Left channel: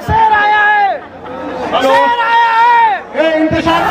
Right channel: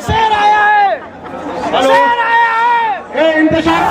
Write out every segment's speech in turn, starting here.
शेर आया है, शेर आया है। ये इंतजार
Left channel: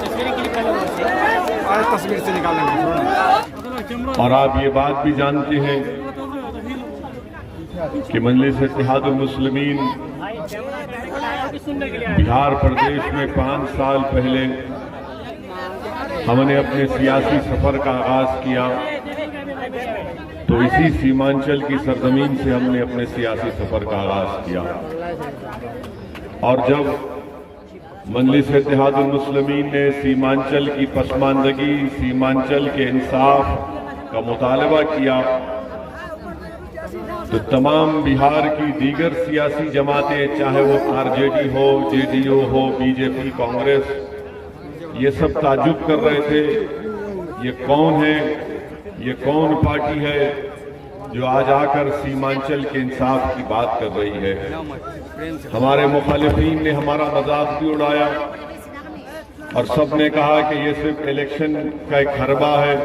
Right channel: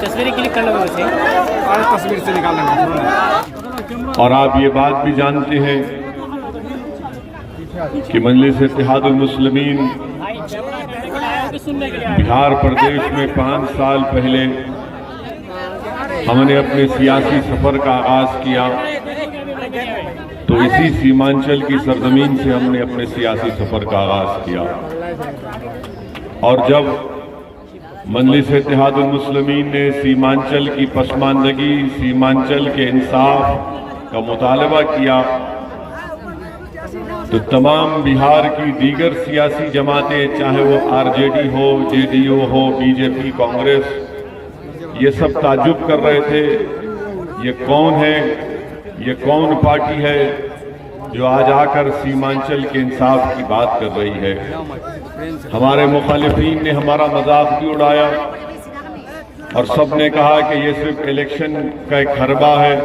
तस्वीरें क्लिक कर लो वैसे, आज तस्वीर से निकालेंगे। और आप ये बात भी जानते हैं कि मजलिस इत्तेहादुल मुस्लिमीन बिहार प्रदेश में 5 साल पहले हमने अपने सियासी सफर का आगाज किया, तो इसी सीमांचल की सरजमीन से हमने अपने सियासी सफर का आगाज किया। और जब मजलिस इत्तेहादुल मुस्लिमीन ने सीमांचल की पसमानदगी, सीमांचल के इंसाफ का मुतालबा किया, तो तमाम बिहार की दीगर सियासी जमातें, चाहे वो आरजेडी हो, जेडीयू हो, बीजेपी, कांग्रेस, ये सब ताज्जुब कर रहे थे, ये कौन है, ये कौन पार्टी है जो आज आकर सीमांचल के इंसाफ की बात कर रही है। हमारे मुखालिफिन ने हमारा मजाक भी उड़ाया और सब ने कहा कि ये सिर्फ इलेक्शन का एक हरबा है,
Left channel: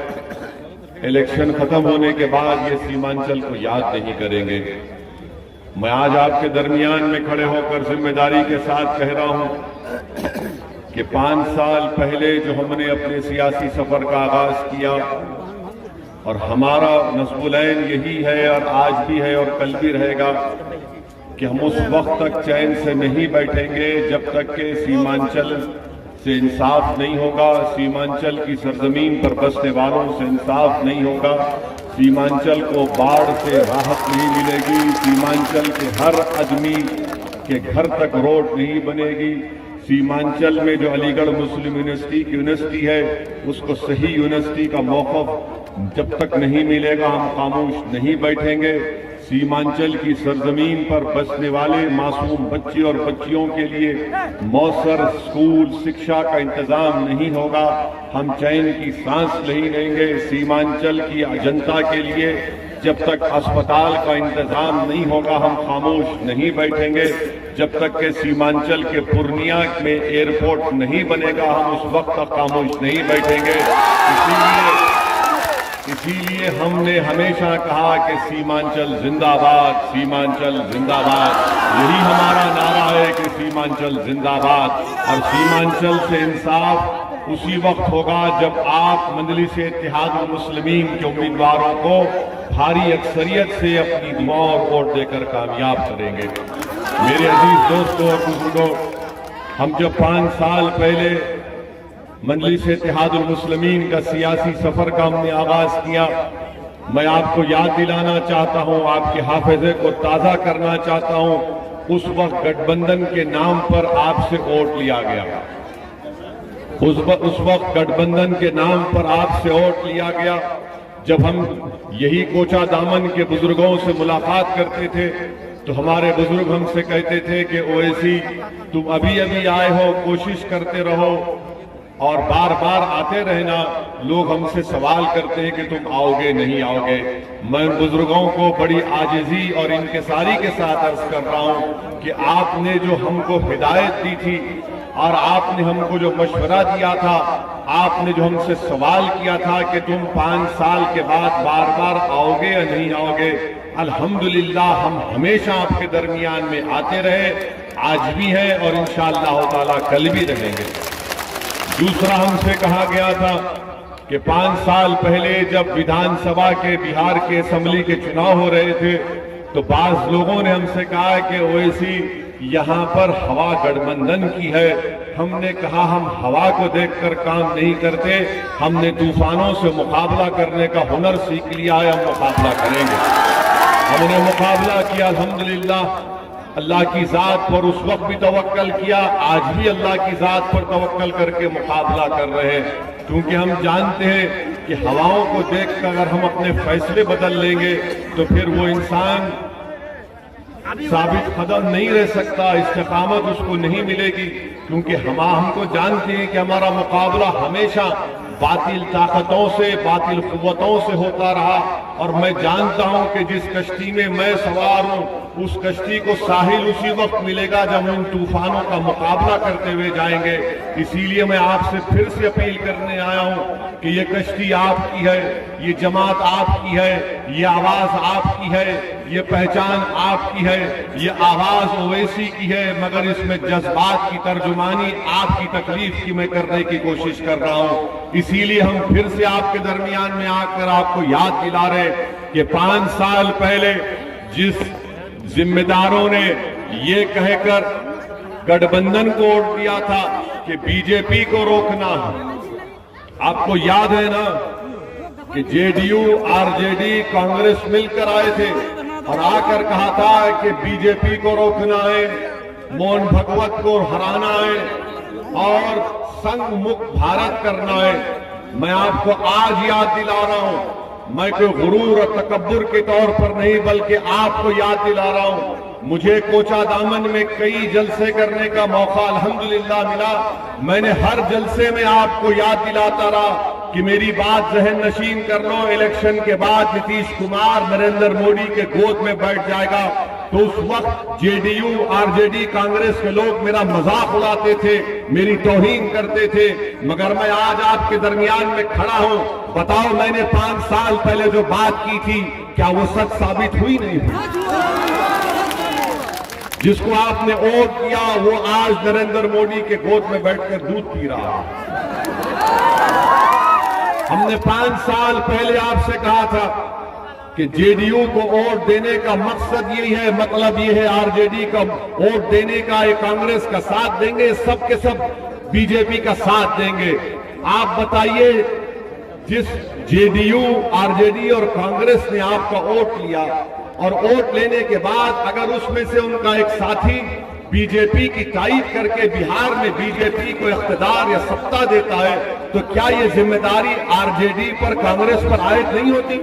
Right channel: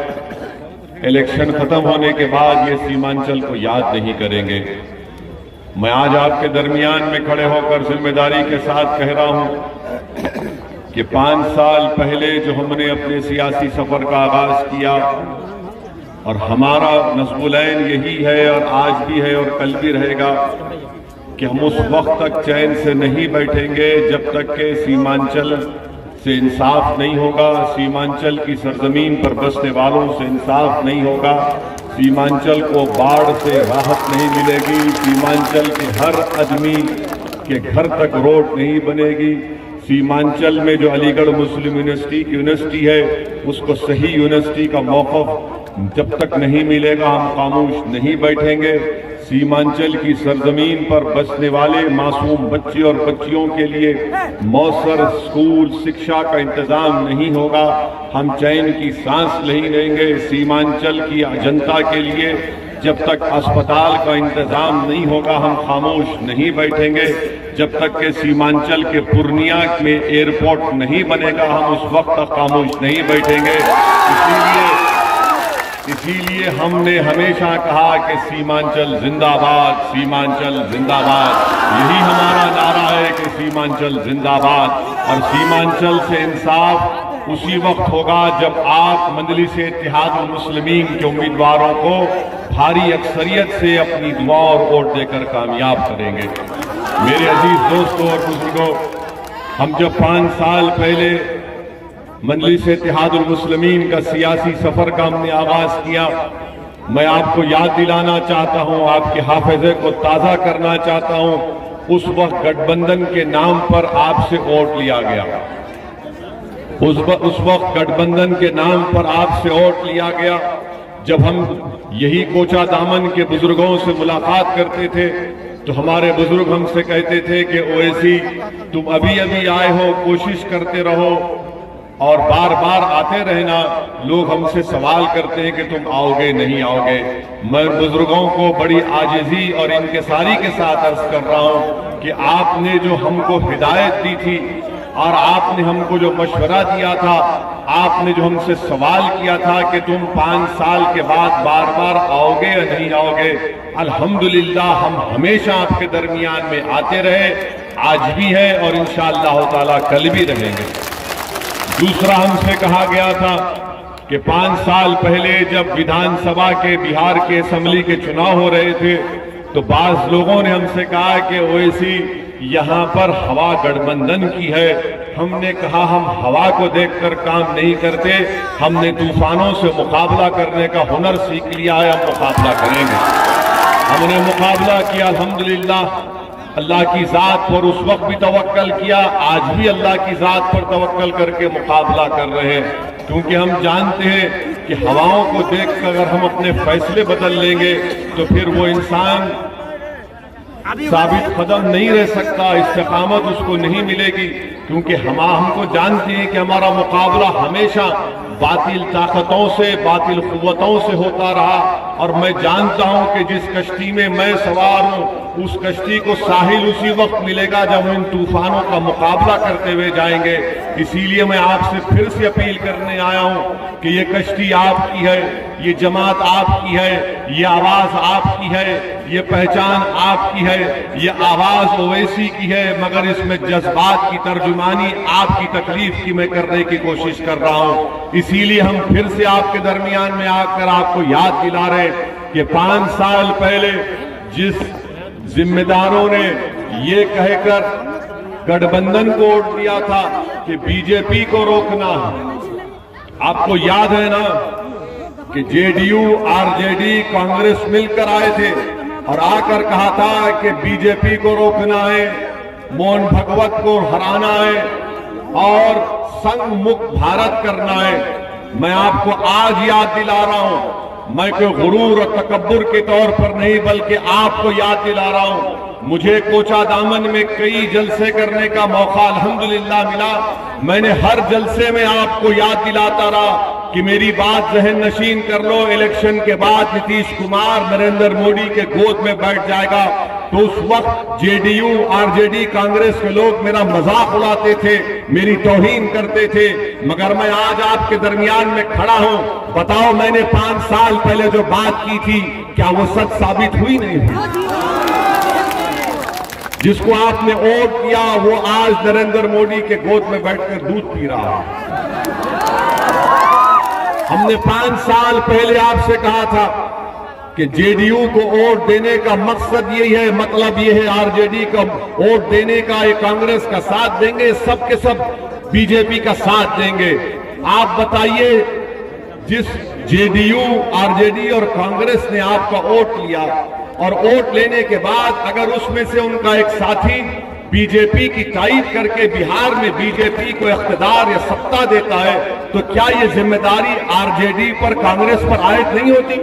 इलेक्शन खत्म होने के बाद ये सीमांचल को याद नहीं करेंगे। मैं आज आपके दरमियान में खड़े होकर जिम्मेदारी के साथ कह रहा हूं कि 5 साल पहले जो हमने अपने सियासी सफर का आगाज किया, और हमारा नस्बुलैन यही है और आज भी है और कल भी रहेगा कि हम उस वक्त तक चैन से नहीं बैठेंगे जब तक के सीमांचल से इंसाफ नहीं होगा, सीमांचल की सरजमीन पर बसने वालों से इंसाफ नहीं होगा, सीमांचल को बाढ़ से राहत नहीं मिलेगी, सीमांचल के हर आदमी के घर तक रोड नहीं बनेगी, सीमांचल में जो अलीगढ़ मुस्लिम यूनिवर्सिटी है उसको सही यूनिवर्सिटी का मौक़िफ़ जब तक नहीं मिलेगा हम खामोश नहीं बैठेंगे। सीमांचल की सरजमीन पर बसने वाले मासूम बच्चे और बच्चियों के लिए मौसर स्कूल शिक्षा का इंतजाम नहीं होगा, हम चैन की सांस नहीं लेंगे। सीमांचल की जनता के लिए जब तक अस्पताल का इंतजाम नहीं होगा हम खामोश नहीं बैठेंगे, जब तक के सीमांचल के पूर्णिया में एयरपोर्ट नहीं बनेगा हम उस वक्त तक खामोश नहीं बैठेंगे। इसीलिए हमने हमेशा कहा कि सीमांचल जिंदाबाद, सीमांचल जिंदाबाद, यही हमारा नारा है कि सीमांचल जिंदाबाद। और सीमांचल से इंसाफ उसी वक्त होगा जब आप मजलिस इत्तेहादुल मुस्लिमीन के उम्मीदवारों को भारी अक्सरियत से अपनी दुआ और वोट देकर कामयाब करेंगे। मेरे अजीज दोस्तों और बुजुर्गों, हम जब 5 साल पहले मजलिस इत्तेहादुल मुस्लिमीन का सियासी सफर का हमने आगाज किया, मैं आपको याद दिलाना चाहता हूं, आपके हाफिजे को ताज़ा करना चाहता हूं, उस वक्त गठबंधन के नाम पर आपसे वोट लिया गया। उस वक्त गठबंधन के नाम पर आपसे वोट लिया गया। जब हम यही कोचा दामन के बुजुर्गों से मुलाकात करते थे तो हमारे बुजुर्ग हमसे कहते थे कि ओवैसी तुम अभी आए हो, कोशिश करते रहो और बार बार आते रहना। लोग हमसे सवाल करते हैं कि तुम आओगे नहीं आओगे। मैं बुजुर्गों को बड़ी आजिज़ी और इंकिसारी के साथ अर्ज कर रहा हूं कि आपने जो हमको हिदायत दी थी और आपने हमको जो मशवरा दिया था, आपने जो हमसे सवाल किया था कि तुम 5 साल के बाद बार बार आओगे या नहीं आओगे, अल्हम्दुलिल्लाह हम हमेशा आपके दरमियान में आते रहे, आज भी है और इंशाअल्लाह ताला कल भी रहेंगे। दूसरा हमसे कहा गया था कि 5 साल पहले जब विधानसभा के बिहार के असेंबली के चुनाव हो रहे थे तो बाज लोगों ने हमसे कहा कि ओवैसी यहाँ पर हवा गठबंधन की है। हमने कहा हम हवा को देखकर काम नहीं करते, हमने तूफानों से मुकाबला करने का हुनर सीख लिया है, हम मुकाबला करेंगे। हमने मुकाबला किया अल्हम्दुलिल्लाह, अल्लाह की जात पर उस वक्त भी तवक्कल किया, आज भी अल्लाह की जात पर तवक्कल करके मुकाबला कर रहे हैं, क्योंकि हम जानते हैं कि हवाओं को देखकर अगर हम अपने फैसले बदल लेंगे तो फिर वो इंसान साबित कदम नहीं रह सकता, इस्तिकामत उसको नहीं मिलेगी, क्योंकि हमको जानते हैं कि हमारा मुकाबला हमेशा बातिल ताकतों से, बातिल कुव्वतों से होता रहा। और मैं जानता हूं कि जिस कश्ती में मैं सवार हूं, उस कश्ती को साहिल उसी वक्त मिलेगा जब हम इन तूफानों का मुकाबला करते हुए जाएंगे। इसीलिए मैं आपसे फिर से अपील करने आया हूं कि ये कश्ती आपकी है, ये जमात आपकी है, ये आवाज आपकी है, ये पहचान आपकी है, ये आवाज ओवैसी की है, मगर इसमें जज्बात की तर्जुमानी आपकी तकलीफ की मैं करने की कोशिश कर रहा हूं। इसीलिए हम फिर से आपके दरमियान में आकर आपको याद दिला रहे कि 5 साल पहले जिस जिम्मेदारों ने ये कहकर गठबंधन को वोट दिया था कि बीजेपी को रोकना, आपको याद है ना कि जेडीयू, आरजेडी, कांग्रेस मिलकर आए थे और आकर कहा था कि बीजेपी को रोकना है, मोहन भगवत को हराना है और संघ मुक्त भारत करना है। मैं आपको आज याद दिला रहा हूं, मैं कोई गुरूर और तकब्बुर के तौर पर नहीं बल्कि आपको याद दिला रहा हूं। मुझे कोचा दामन में कई जलसे करने का मौका अल्हम्दुलिल्लाह मिला। मैंने हर जलसे में आपको याद दिलाता रहा कि मेरी बात जहन नशीन कर लो, इलेक्शन के बाद नीतीश कुमार नरेंद्र मोदी के गोद में बैठ जाएगा। तो उस वक्त जेडीयू, आरजेडी, कांग्रेस के लोग मेरा मजाक उड़ाते थे, मेरी तौहीन करते थे, मगर मैं आज आपके दरमियान में खड़ा हूं। बताओ, मैंने 5 साल पहले जो बात की थी, क्या वो सच साबित हुई? नहीं हुई। जिसको आपने वोट किया वो आज नरेंद्र मोदी के गोद में बैठकर दूध पी रहा है। हमने 5 साल पहले आपसे कहा था कि जेडीयू को वोट देने का मकसद यही है, मतलब ये है आरजेडी का वोट देने का, ये कांग्रेस का साथ देंगे, सब के सब बीजेपी का साथ देंगे। आप बताइए, जिस जेडीयू, आरजेडी और कांग्रेस ने आपका वोट लिया और वोट लेने के बाद अगर उसमें से उनका एक साथी बीजेपी की तारीफ करके बिहार में बीजेपी को इख्तिदार या सत्ता देता है, तो क्या ये जिम्मेदारी आरजेडी पर, कांग्रेस पर आयद नहीं होती?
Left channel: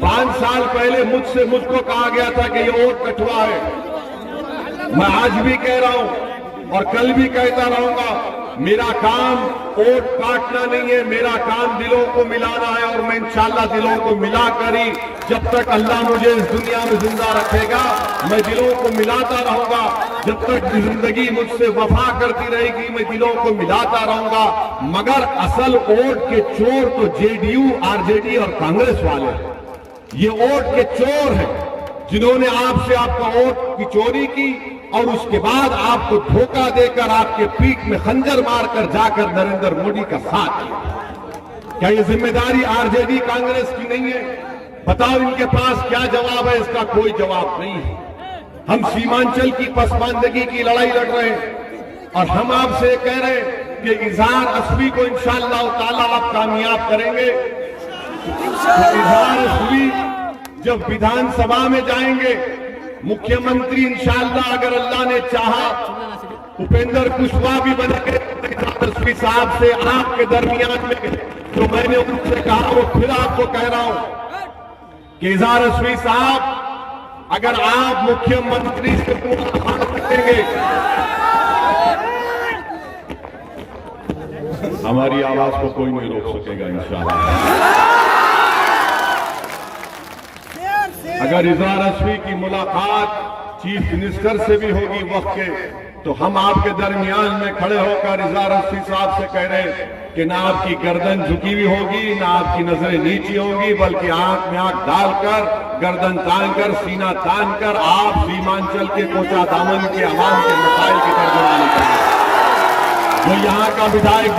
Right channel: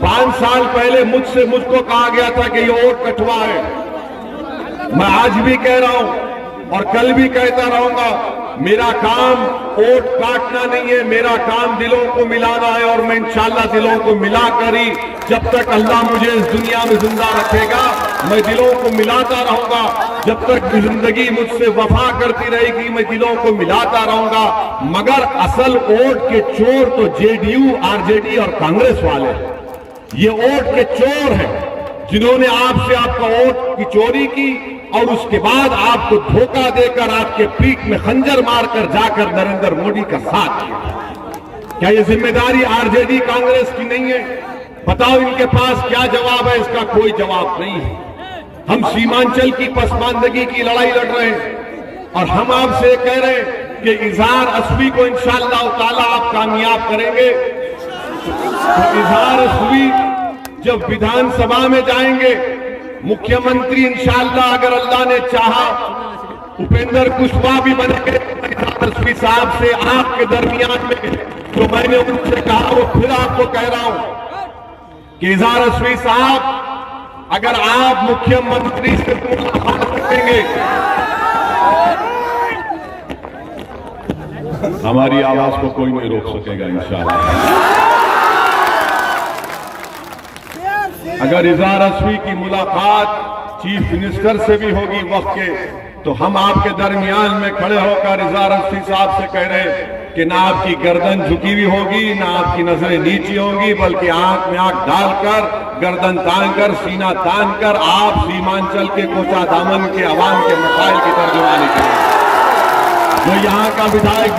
5 साल पहले मुझको कहा गया था कि ये वोट कटवा है। मैं आज भी कह रहा हूं और कल भी कहता रहूंगा, मेरा काम वोट काटना नहीं है, मेरा काम दिलों को मिलाना है। और मैं इंशाअल्लाह दिलों को मिलाकर ही, जब तक अल्लाह मुझे इस दुनिया में जिंदा रखेगा, मैं दिलों को मिलाता रहूंगा। जब तक जिंदगी मुझसे वफा करती रहेगी, मैं दिलों को मिलाता रहूंगा। मगर असल वोट के चोर तो जेडीयू, आरजेडी और कांग्रेस वाले, ये वोट के चोर हैं जिन्होंने आपसे आपका वोट की चोरी की और उसके बाद आपको धोखा देकर आपके पीठ में खंजर मारकर जाकर नरेंद्र मोदी का साथ किया। क्या ये जिम्मेदारी आरजेडी, कांग्रेस की नहीं है? बताओ, इनके पास क्या जवाब है? इसका कोई जवाब नहीं है। हम सीमांचल की पसमानदगी की लड़ाई लड़ रहे हैं और हम आपसे कह रहे हैं कि इजहार असवी को इंशाअल्लाह ताला आप कामयाब करेंगे। तो इजहार असवी जब विधानसभा में जाएंगे, मुख्यमंत्री इंशाअल्लाह अगर अल्लाह ने चाहा उपेंद्र कुशवाहा भी बनेंगे तस्वीर साहब से आपके दरमियान में। तो मैंने उनसे कहा, वो फिर आपको कह रहा हूं कि इजहार असवी साहब, अगर आप मुख्यमंत्री से मुलाकात करेंगे, हमारी आवाज को कोई नहीं रोक सकेगा इंशाअल्लाह। अगर इजहार असवी की मुलाकात चीफ मिनिस्टर से भी होगी वक्त के, तो हम आपके दरमियान में खड़े होकर इजहार असवी साहब से कह रहे हैं कि ना आपकी गर्दन झुकी हुई होगी, ना आपकी नजरें नीची होंगी, बल्कि आंख में आंख डालकर, गर्दन तान कर, सीना तान कर आप सीमांचल के कोचा दामन के आवाम के मसाइल की तर्जुमानी करें। वो यहाँ का विधायक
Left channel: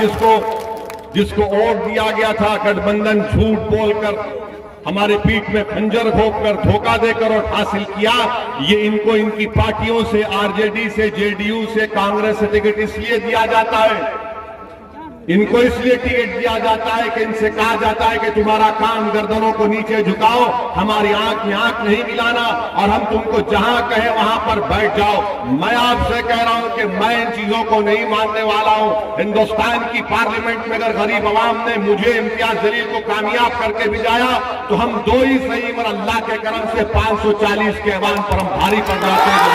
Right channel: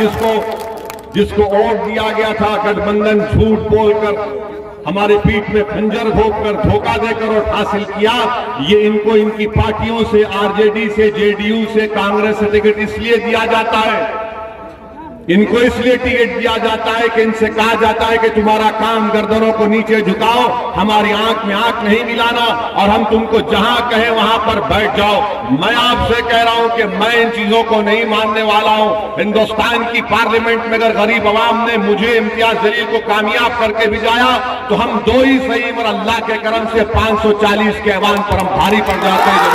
जिसको वोट दिया गया था गठबंधन झूठ बोलकर, हमारे पीठ में खंजर घोंपकर, धोखा देकर और हासिल किया, ये इनको इनकी पार्टियों से, आरजेडी से, जेडीयू से, कांग्रेस से टिकट इसलिए दिया जाता है, इनको इसलिए टिकट दिया जाता है कि इनसे कहा जाता है कि तुम्हारा काम गर्दनों को नीचे झुकाओ, हमारी आंख में आंख नहीं मिलाना और हम तुमको जहां कहे वहां पर बैठ जाओ। मैं आपसे कह रहा हूं कि मैं इन चीजों को नहीं मानने वाला हूं। हिंदुस्तान की पार्लियामेंट में अगर गरीब आवाम ने मुझे इम्तियाज जलील को कामयाब करके भिजाया, तो हम दो ही सही, और अल्लाह के करम से 540 के ऐवान पर हम भारी पड़ जाते हैं।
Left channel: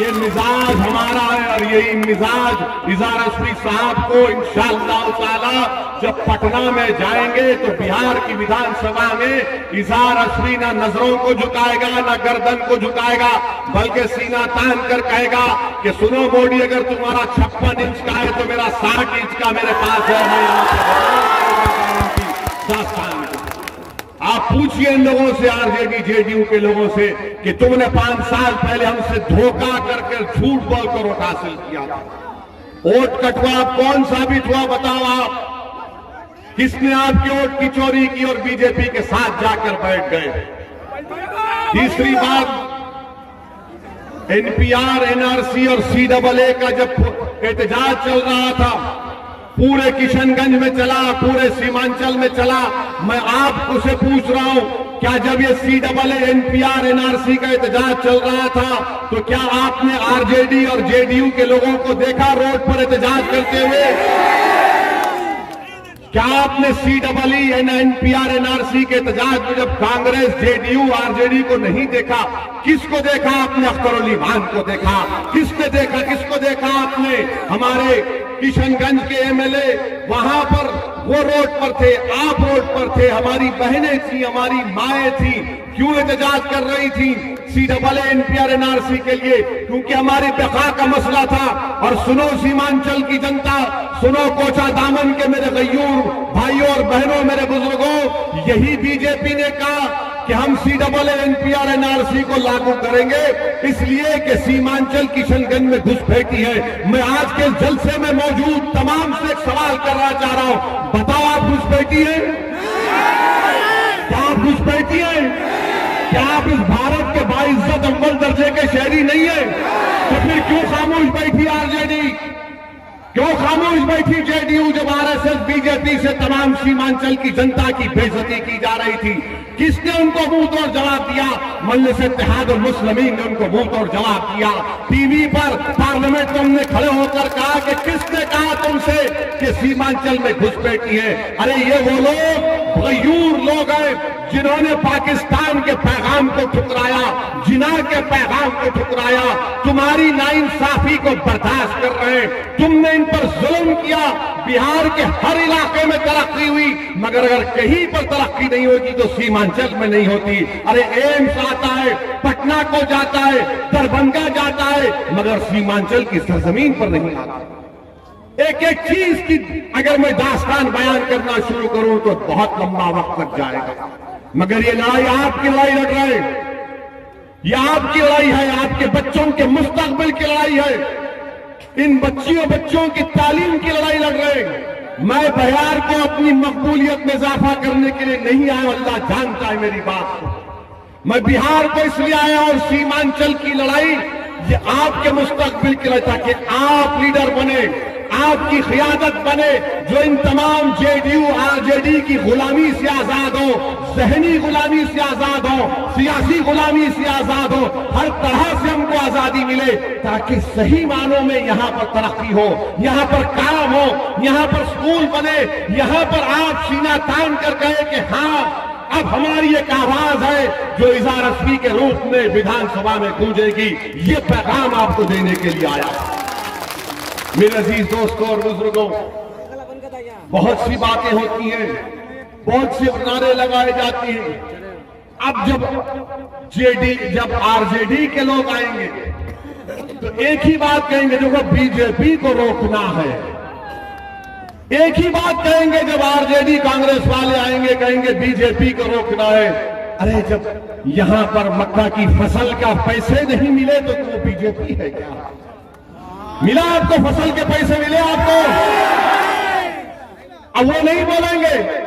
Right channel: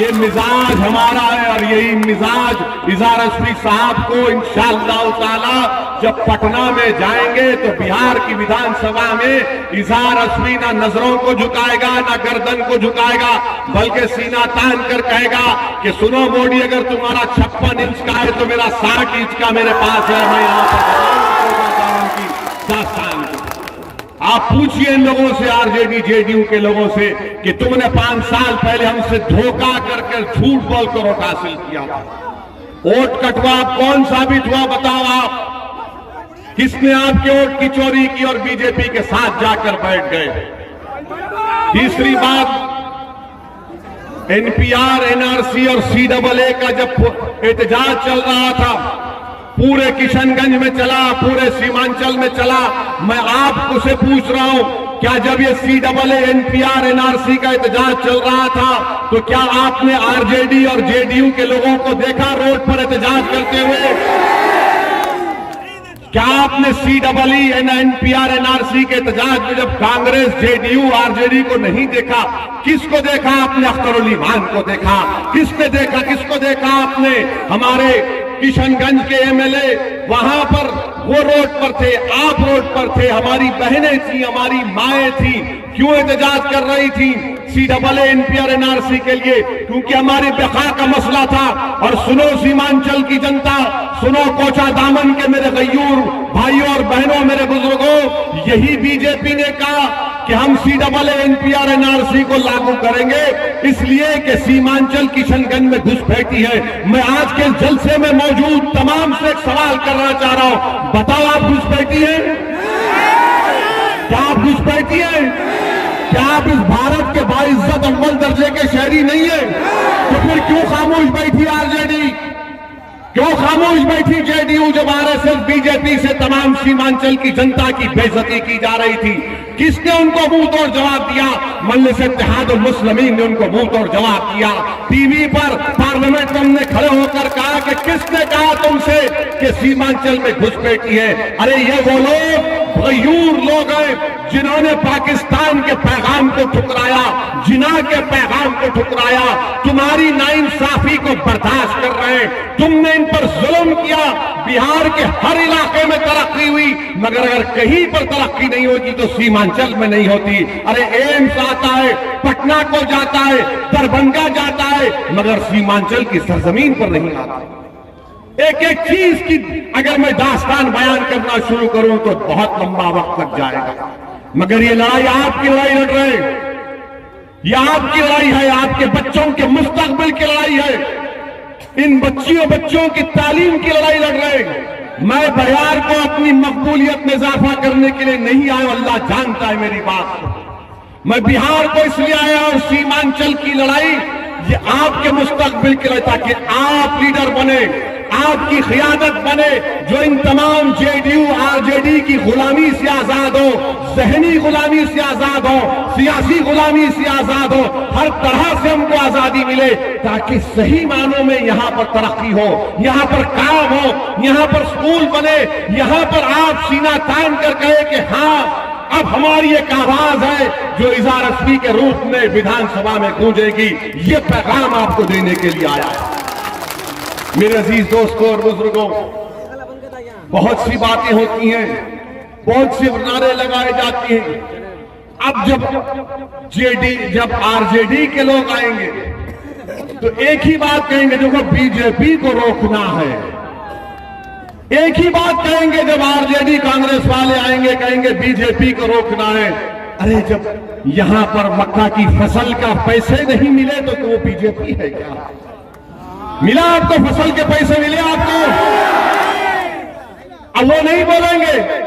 ये मिजाज हमारा है और यही मिजाज इज़हार रश्मी साहब को इंशाअल्लाह ताला जब पटना में जाएंगे तो बिहार की विधानसभा में इज़हार रश्मी ना नजरों को झुकाएगा ना गर्दन को झुकाएगा, बल्कि सीना तान कर कहेगा कि सुनो मोदी, अगर तुम्हारा 56 इंच का है तो मेरा 60 इंच का मेरे पास है। मैं यहाँ पर आप पूछिए इन लोगों से, आरजेडी जेडीयू के लोगों से, कि तुमने 5 साल पहले हमसे धोखा करके झूठ बोलकर वोट हासिल किया था। वोट कटवा कौन साबित हुआ बताओ आप? किसने आपके वोट की चोरी की और बीजेपी के साथ जाकर बैठ गए? तीसरी बात, एनपीआर, एनआरसी और सीएए का जब एहतजाज चल रहा था, पूरे किशनगंज में चला, पूरे सीमांचल में चला, मैं आपको से पूछ रहा हूं, क्या जब ये सीएए, एनपीआर, एनआरसी का एहतजाज चल रहा था तो क्या आपने आरजेडी और जेडीयू के लोगों को देखा रोड पर एहतजाज करते हुए? क्या आपने सीएए, एनपीआर, एनआरसी के एहतजाज में जब कांग्रेस, जेडीयू, आरजेडी को नहीं देखा, किसको देखा आपने? अख्तर अली खान को देखा। किसने देखा? किसको देखा आपने? हमारे किशनगंज के एमएलए वहां पर वो रोड पर थे, आप रोड पर थे, हमारी बहनें थी, हमारी माएं थी, क्यों एहतजाज कर रही थी सीएए, एनपीआर, एनआरसी के लिए? क्योंकि हमारी बका का मसला था। और सुनो सीमांचल की जनता, सुनो कोचा दामन के मेरे गयूर भाइयों और बहनों, मेरे बुजुर्गों, यही बीजेपी ने कहा कि हम सीएए, एनपीआर, एनआरसी को लागू करेंगे, इसलिए कि सीमांचल किशनगंज में घुसपैठी है। मैं आज के जलसे में मौजूद तमाम से एक सवाल करना चाह रहा हूं, बताओ आप घुसपैठी हैं? क्या आप घुसपैठी हैं? क्या आप इस भारत के बाइज्जत अव्वल दर्जे के शहरी नहीं है? तो फिर क्यों खामोश बैठी आरजेडी? क्यों खामोश बैठी जेडीयू जब आरएसएस, बीजेपी से तमाम सीमांचल की जनता की बेइज्जती की जा रही थी? किसने उनको मुंह तोड़ जवाब दिया? मजलिस इत्तेहादुल मुस्लिमीन ने उनको मुंह तोड़ जवाब दिया। टीवी पर पार्लियामेंट में हमने खड़े होकर कहा कि किसने कहा तुमसे कि सीमांचल में घुसपैठी है? अरे ये वो लोग गयूर लोग हैं जिन्होंने पाकिस्तान के पैगाम को ठुकराया, जिना के पैगाम को ठुकराया, तुम्हारी नाइंसाफी को बर्दाश्त कर रहे हैं। तुमने इन पर जुल्म किया। बिहार के हर इलाके में तरक्की हुई, मगर अगर कहीं पर तरक्की नहीं होगी तो सीमांचल में नहीं होती। अरे एम्स आता है, पटना को जाता है, दरभंगा जाता है, मगर सीमांचल की सरजमीन पर नहीं आता। एक एक चीज की अगर मैं दास्तान बयान करना शुरू करूं तो बहुत लंबा वक्त लग जाएगा, मगर ये लड़ाई आपकी लड़ाई लड़ रहे हैं, ये आपकी लड़ाई है, आपके बच्चों के मुस्तकबिल की लड़ाई है, इन बच्चों की तालीम की लड़ाई लड़ रहे हैं। मैं बिहार को अपनी मकबूलियत में इजाफा करने के लिए नहीं आया, अल्लाह जानता है मेरी बात को। मैं बिहार को इसलिए आया और सीमांचल की लड़ाई ये आपके मुस्तकबिल के लिए, ताकि आप लीडर बने, आपकी क़ियादत बने, जो इन तमाम जेडीयू, आरजेडी की गुलामी से आजाद हो, ज़हनी गुलामी से आजाद हो, सियासी गुलामी से आजाद हो, हर तरह से हमको आजादी मिले, ताकि सही मानों में यहाँ पर तरक्की हो, यहाँ पर काम हो, यहाँ पर स्कूल बने, यहाँ पर आप सीना तान कर कहे कि हाँ अब हमारी एक आवाज है जो इज़हार रश्मी के रूप में विधानसभा में गूंजेगी। ये पैगाम आपको देने के लिए आया है। मेरे अजीज दोस्तों और बुजुर्गों, बहुत सी बातें होती हैं, बहुत से नारे लगाए जाते हैं। अब जब आरजेडी के लोग आएंगे तो एक ही बात कहेंगे, जो बीजेपी को रोकना है। एक ही बात कहेंगे जब आरजेडी कांग्रेस वाले आएंगे, कहेंगे बीजेपी को रोकना है। अरे जब यहां पर मक्का की फसल का पैसे नहीं मिले तो वो बीजेपी है क्या? मिला आपको फसल के पैसे मिले आपको? अब वो नहीं बोलेंगे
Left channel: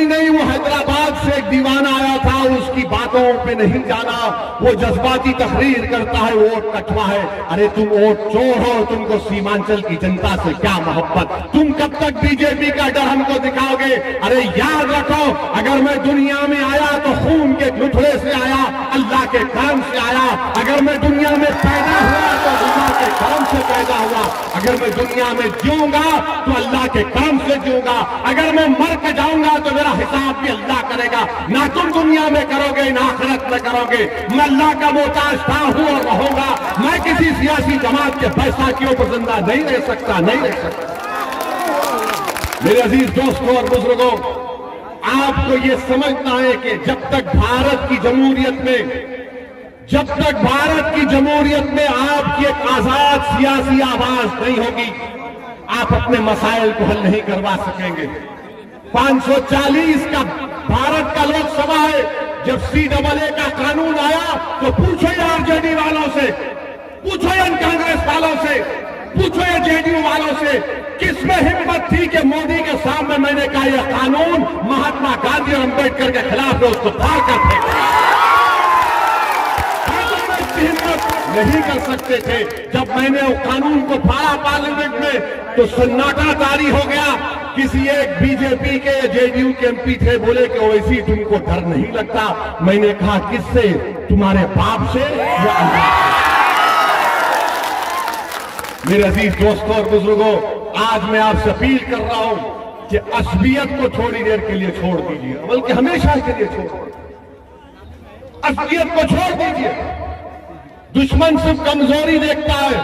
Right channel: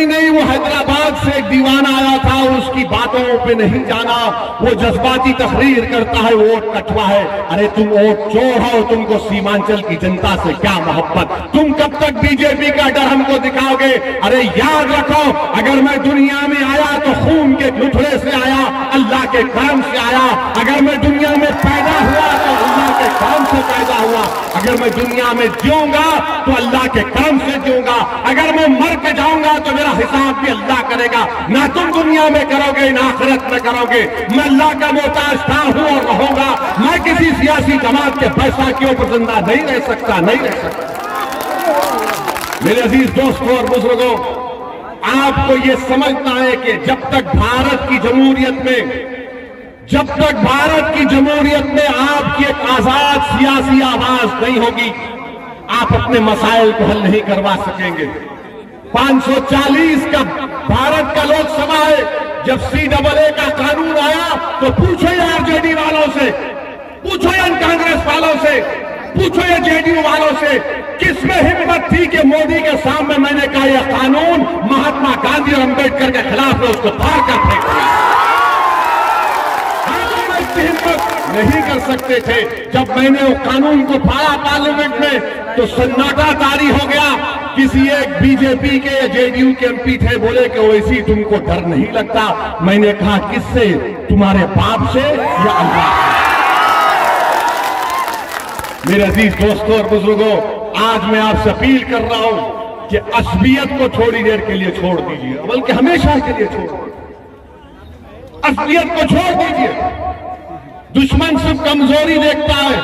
नहीं, वो हैदराबाद से एक दीवाना आया था, उसकी बातों पे नहीं जाना, वो जज्बाती तकरीर करता है, वोट कटवा है। अरे तुम वोट चोर हो, तुमको सीमांचल की जनता से क्या मोहब्बत? तुम कब तक बीजेपी का डर हमको दिखाओगे? अरे याद रखो, अगर मैं दुनिया में आया तो खून के लुथड़े से आया, अल्लाह के करम से आया। अगर मैं दुनिया में पैदा हुआ तो अल्लाह के काम से पैदा हुआ। अगर मैं दुनिया में जीऊंगा तो अल्लाह के काम से जीऊंगा, अगर मैं मर के जाऊंगा तो मेरा हिसाब भी अल्लाह करेगा। ना तुम दुनिया में करोगे ना आखिरत में करोगे। मैं अल्लाह का मोहताज था, हूं और रहूंगा। मैं किसी सियासी जमात के पैसा के ऊपर जिंदा नहीं रह सकता, नहीं रह सकता। मेरे अजीज दोस्तों और बुजुर्गों, आपको ये समझना है कि जब तक भारत की जमहूरियत में आपकी एक आजाद सियासी आवाज नहीं होगी, आप अपने मसाइल को हल नहीं करवा सकेंगे। 540 का भारत का लोकसभा है। जब CAA का कानून आया तो पूछो ये आरजेडी वालों से, पूछो ये कांग्रेस वालों से, पूछो ये JDU वालों से, किसमें हिम्मत थी कि मोदी के सामने मैंने कहा यह कानून महात्मा गांधी और अम्बेडकर के खिलाफ है, उसको पार कर फेंका। हिम्मत नहीं कर सकते थे। जब मैंने वो कानून को पाया पार्लियामेंट में तो सन्नाटा जारी हो गया। किसी एक बीजेपी के JDU के MP थे, बोले कि वैसी तुमको डर नहीं लगता। मैंने कहा किससे? तुम्हारे बाप से या अल्लाह से? मेरे अजीज दोस्तों और बुजुर्गों, आज मैं आपसे अपील कर रहा हूं कि असबियत को थोड़ी देर के लिए छोड़ दीजिए, बल्कि हमेशा के लिए छोड़ दीजिए। असबियत को छोड़ दीजिए। दुश्मन सिर्फ कमजोरी देखता है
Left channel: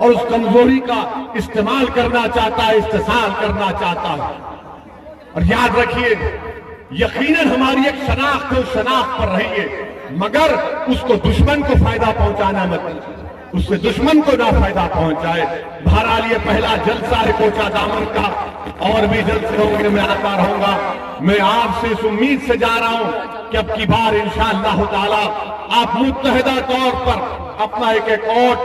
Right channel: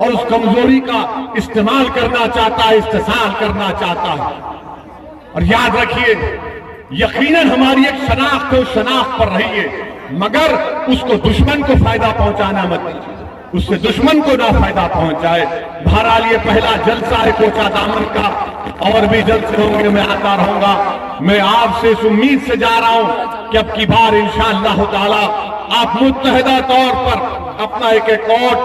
और उस कमजोरी का इस्तेमाल करना चाहता है, इस्तेसाल करना चाहता है। और याद रखिए, यकीनन हमारी एक शनाख्त है, उस शनाख्त पर रहिए, मगर उसको दुश्मन को फायदा पहुंचाना मत कीजिए, उससे दुश्मन को ना फायदा पहुंचाए। बहरहाल ये पहला जलसा है कोचा दामन का, और भी जलसे में आता रहूंगा। मैं आपसे इस उम्मीद से जा रहा हूं कि अब की बार इंशाअल्लाह ताला आप मुत्तहिदा तौर पर अपना एक वोट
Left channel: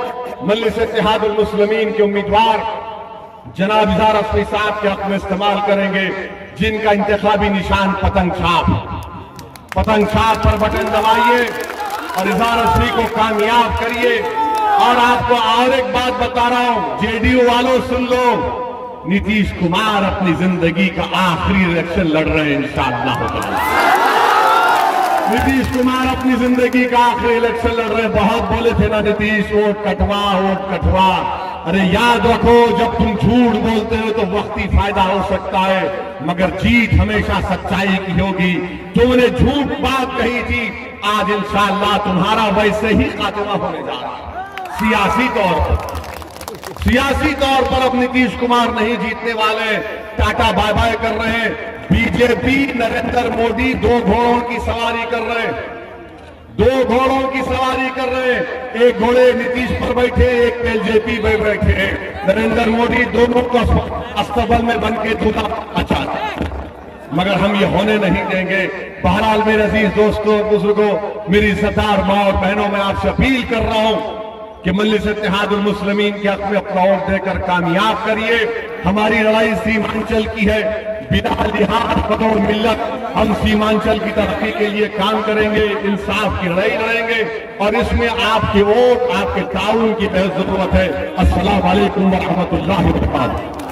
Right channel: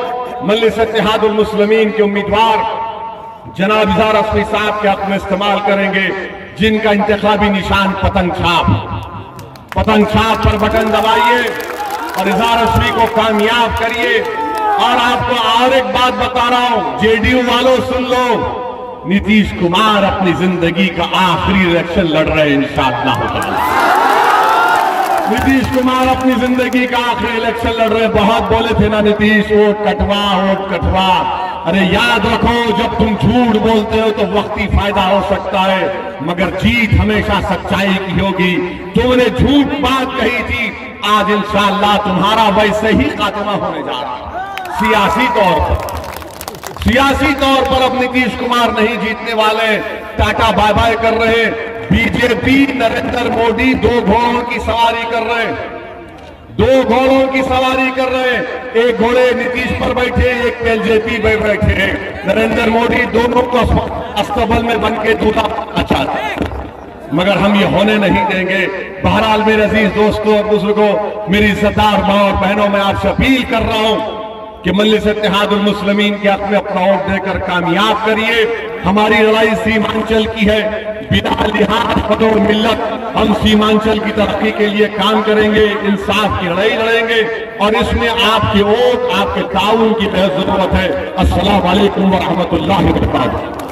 मजलिस इत्तेहादुल मुस्लिमीन के उम्मीदवार जनाब इज़हार रस्मी साहब के हक में इस्तेमाल करेंगे, जिनका इंतखाबी निशान पतंग छाप पर बटन दबाइए और इज़हार रस्मी को कामयाब करिए। और आपको और एक बात बता रहा हूं, JDU वालों सुन लो, नीतीश कुमार अपनी जिंदगी का आखिरी इलेक्शन लड़ रहे हैं इंशाअल्लाह। नीतीश कुमार अपनी जिंदगी का आखिरी इलेक्शन लड़ रहे हैं। बहुत बोले थे ना नीतीश, वोट कटवा। अरे याद रखो, जब तुम झूठ बोलते हो तो वक्ती फायदा हो सकता है, मगर जीत हमेशा सच्चाई की होगी। तुमने झूठ बात कही थी, आज इंशाअल्लाह तुम्हारा वैसे ही खात्मा होने जा रहा है। सियासी तौर पर अब नीतीश कुमार नहीं जीतने वाले, टाटा बाय बाय कर रहे। बीजेपी नरेंद्र मोदी दो घोड़ों की सवारी कर रहे। एक घोड़े नीतीश पर बैठे, एक LJP पे बैठे हैं। नरेंद्र मोदी दोनों को अस्तबल में बन के दूल्हा अच्छा, मगर हम ये होने नहीं देंगे। बहरहाल मेरे अजीज दोस्तों और बुजुर्गों, मेरी इज्जतदार माँ और बहनों, मैं आपसे अपील कर रहा हूं कि मजलिस इत्तेहादुल मुस्लिमीन के हक में अपना वोट देकर कामयाब करिए। हमारी लड़ाई सीमांचल की है, बिना लिहाज कदर मिल्लत हम सीमांचल की तरक्की के लिए काम करेंगे, इंसाफ की लड़ाई लड़ेंगे, और इसमें आपके वोट, आपके ताउन की बहुत जरूरत है। अस्सलाम वालेकुम व रहमतुल्लाहि व बरकातुहू।